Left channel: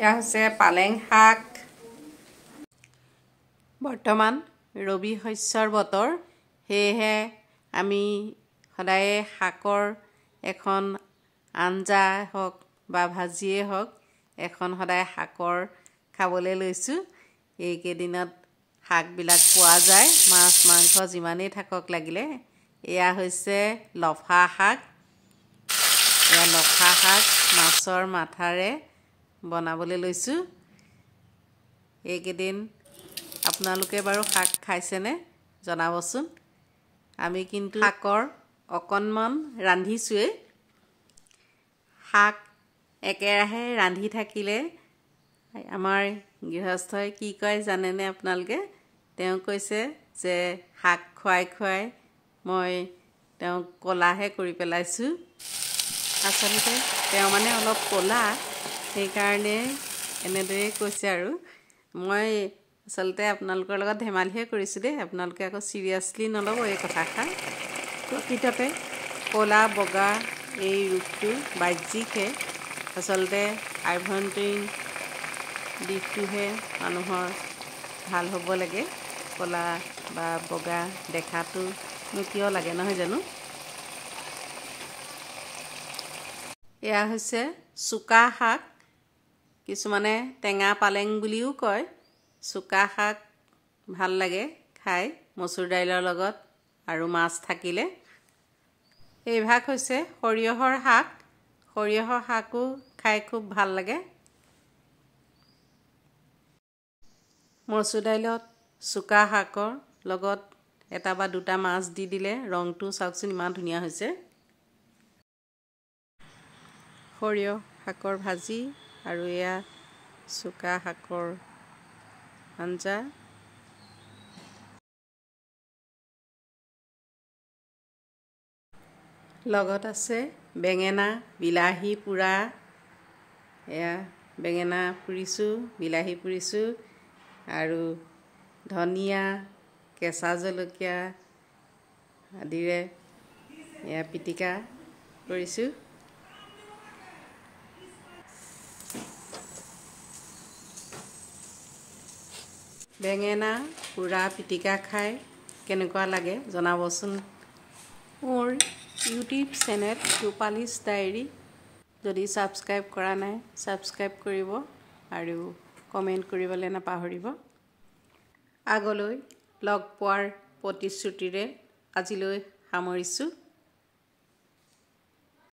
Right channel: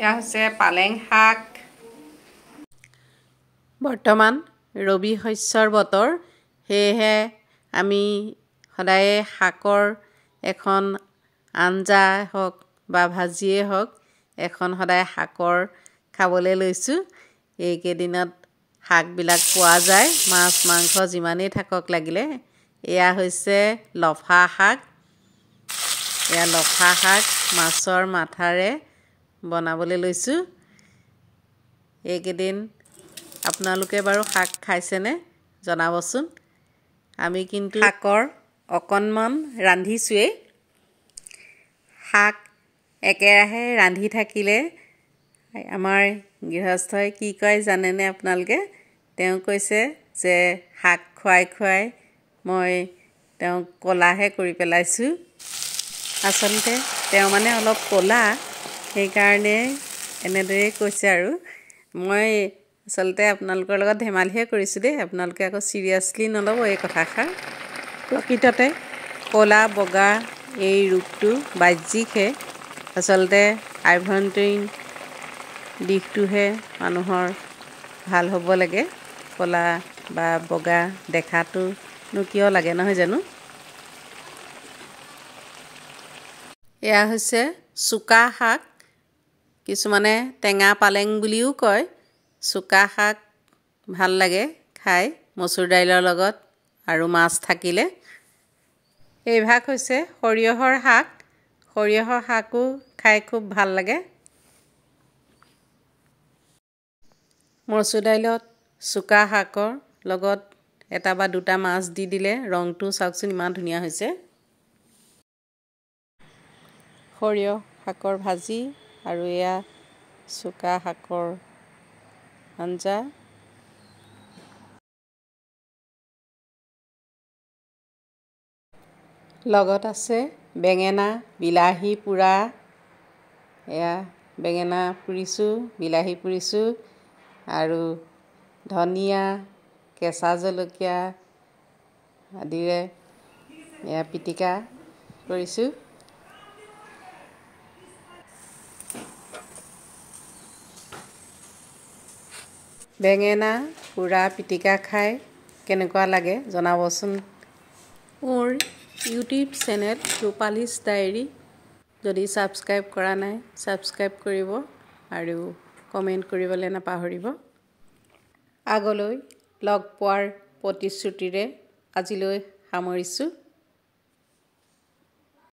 এয়া হৈছে পালেং শাক। বৰ্তমান ৰবি শস্যৰ বতৰ, সেয়েহে আমি সদায় শাকৰ এখন আঞ্জা হওক বা ভাজিয়ে হওক এখন সদায় শাকৰ খাবলৈ লৈছোঁ। এইকেইদিনত শাকবিলাক পোৱা যায়, মাছ মাংস যিমানেই থাকক লাগিলে। এয়া হৈছে লফা শাক। এয়া লফা শাক মাছৰ মাথাৰে বনাবলৈ লৈছোঁ। এইকেইদিন আপোনালোকে বাৰু শাক খাইছেনে জনাবচোন। আমি কিন্তু শাকৰ অকণমান ৰান্ধিছোৱেই। শাক একেৰাহে ৰান্ধি থাকিলে আমাৰ গৃহস্থই কি কয় জানেনে আপোনালোকে? তেওঁ কৈছে যে শাক খুৱাই খুৱাই মই তেওঁক ক'লাহে কৰি পেলাইছোঁ। আচলতে তেওঁ মানে অলপ ক'লা, সেইকাৰণে এনেদৰেই কৈছে আৰু। মই আচলতে আপোনালোকৰ লগত ধেমালিহে কৰিছোঁ দেই, আপোনালোকে আকৌ চিৰিয়াছলি নল'ব এই কথাষাৰ। প্ৰকৃততে ক'লা বগা এই ৰূপটো বাহ্যিকহে, আচলতে আভ্যন্তৰীণ দিশটোহে মানুহৰ ভাল হ'ব লাগে। ক'লা বা বগা দেখাটোনো কিয় লাগে, নহয় জানো? এয়া হৈছে চুকা শাক, কিছুমানে টেঙা পালেং বুলিও কয়। চুকা শাক ভাল লাগে খাই মচুৰ দাইলৰ লগত আৰু মাছ থাকিলে। এইভাগ হৈছে সৰিয়হৰ শাক। সৰিয়হৰ শাকো খাই খুব ভাল লাগে। মচুৰ দাইলত চুকা শাকৰ লগত এটা বা দুটা মাছ দি দিলে ৰংটো চাওকচোন ইমান ধুনীয়া হৈছে। সৰিয়হ শাকৰ ভাজি আৰু এয়া চুকা শাকৰ আঞ্জা। লগত আছে বেঙেনা বিলাহী পোৰা। এয়া বেঙেনা পুৰিছোঁ, বিলাহী পুৰিছোঁ আৰু ধনিয়া কেঁচা জলকীয়া আদিৰে এয়া পিটিকা কৰিছোঁ। বেঙেনা পোৰা পিটিকা খাই কেনেকুৱা লাগে জনাবচোন। মোৰ ইউটিউব চেনেল ৰূপালীছ ডায়েৰী যদি ছাবস্ক্ৰাইব কৰা নাই ছাবস্ক্ৰাইব কৰিব আৰু কমেণ্ট কৰিবলৈ নাপাহৰিব। আগলৈ লগ পোৱাৰ প্ৰতিশ্ৰুতিৰে আজিলৈ সামৰিছোঁ।